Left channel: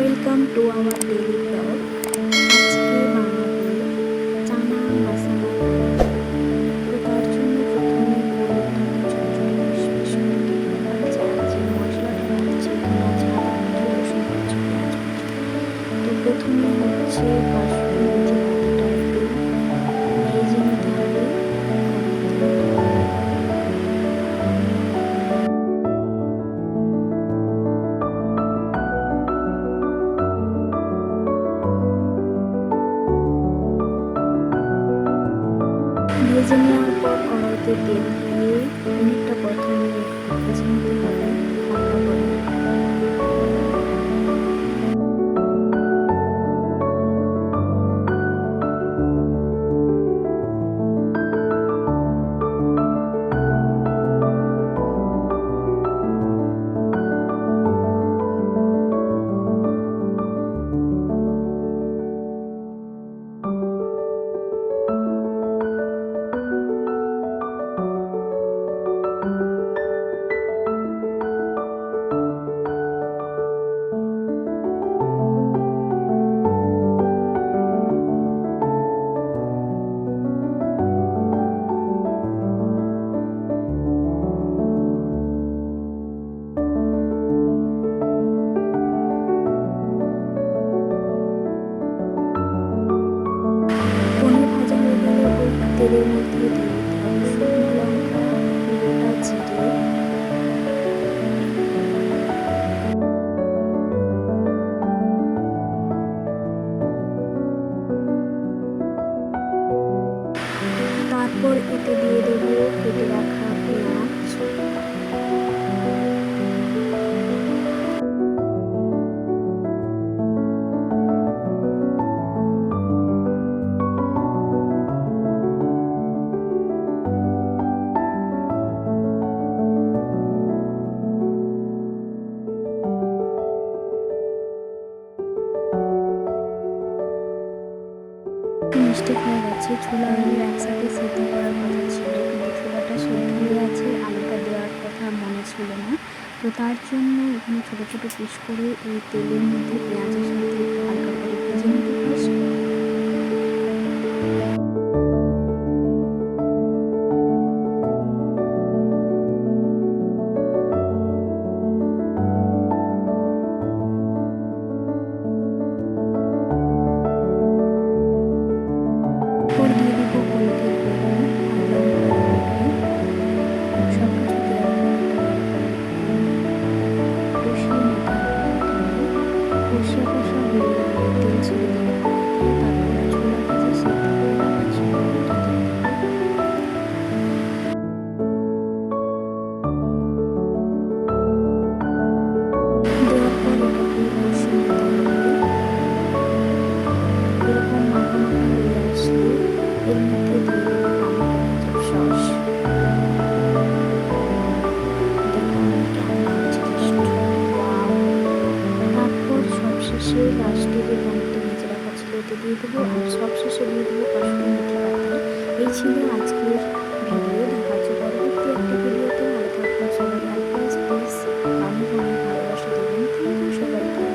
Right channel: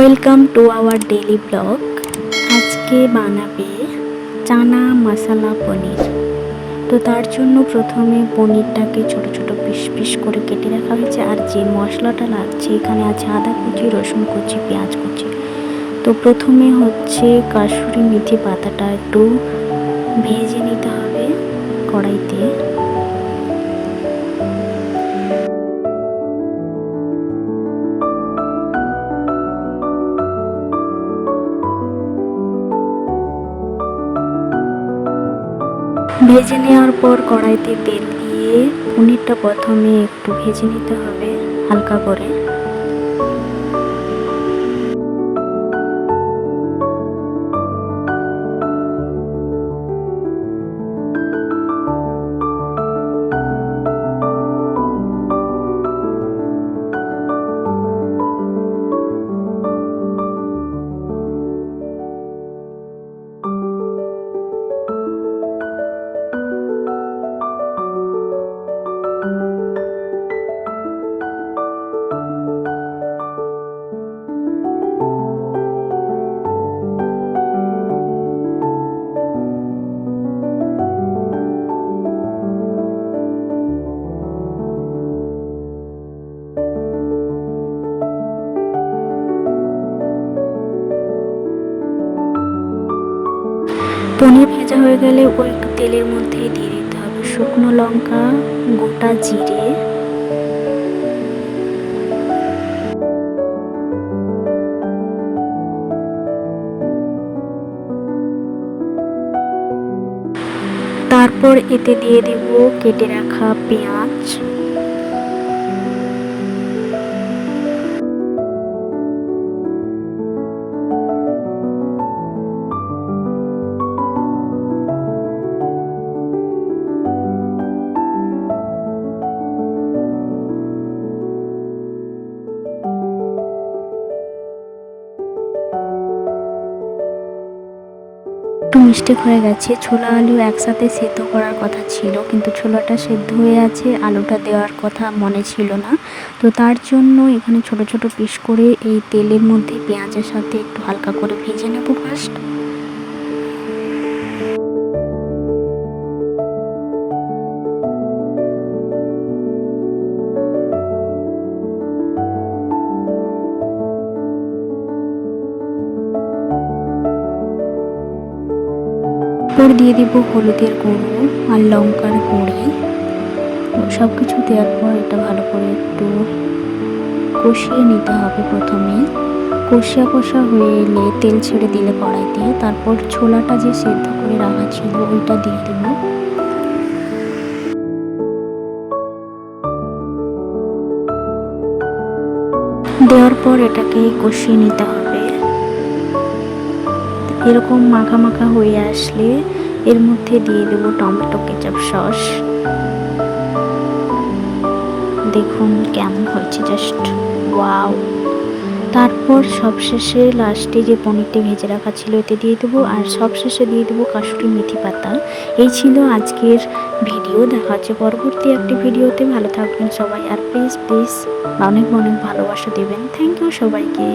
Welcome to our daily blog. আজকে বানাবে চানা মশলা পনির। তো তার জন্য প্রথমে পনিরটাকে ছোট ছোট পিস পিস করে কেটে রাখা হয়েছে। আর যে মশলাটা লাগছে এখানে আছে আদা কুচি, রসুন কুচি, পেঁয়াজ কুচি। তো প্রথমে হচ্ছে কাসুরি মেথি পাতাটা একটু ভেজে নিতে হবে কড়াইতে। ভেজে নেওয়ার পর কড়াইতে তেল দিয়ে পনিরটা প্রথমে একটু ভেজে নিতে হবে হালকা করে। পনির ভাজা হয়ে গেলে ওই তেলের মধ্যে দিয়ে দিতে হবে শুকনো লঙ্কা, গোটা জিরে, তারপর এতে দিয়ে দেব কেটে রাখা পেঁয়াজ, একটু মিস্টেক হয়ে গেছে, ছোলা আলু একসাথে সেদ্ধ করার কথা ছিল কিন্তু ছোলাটা সেদ্ধ হয়ে আছে, আলুটা দেওয়ার কথা মনে ছিল না। তো তার জন্য এখানে ছোট ছোট পিস করে এই তেলের মধ্যে পেঁয়াজের সাথে একটু হালকা করে ভেজে নেব ফার্স্ট। এরপর দিয়ে দিব হলুদের গুঁড়ো আর লঙ্কার গুঁড়ি। সব কিছু দেওয়ার পর এটা ভালো করে একটু কষিয়ে নিতে হবে। প্রথমে কষা হয়ে এলে তেল ছেড়ে দিলে কড়াই দিয়ে তারপর ছোলাটা যে সেদ্ধ করে রাখা ছিল ওইটা দিয়ে দেব। দেওয়ার পর এটাকে কষিয়ে নিতে হবে। এরকম মাখা মাখা হয়ে আসলে এর মধ্যে দিয়ে দেব টমেটো কেচাপ সস। দেখুন কেমন হচ্ছে, জাস্ট ওয়াও। তারপর সবশেষে লাস্টে যে পনিরটি ভেজে রাখা ছিল এতে দিয়ে দেবো, আর সবশেষে দিয়ে দেবো কাসুরি মেথি পাতা। এই ছিল আজকের ভিডিও। দেখা হচ্ছে পরবর্তী একটি ভিডিওতে। ভালো থাকবেন সবাই, আর প্লিজ অনেক অনেক ভালোবাসা দেবেন। থ্যাংক ইউ সবাইকে।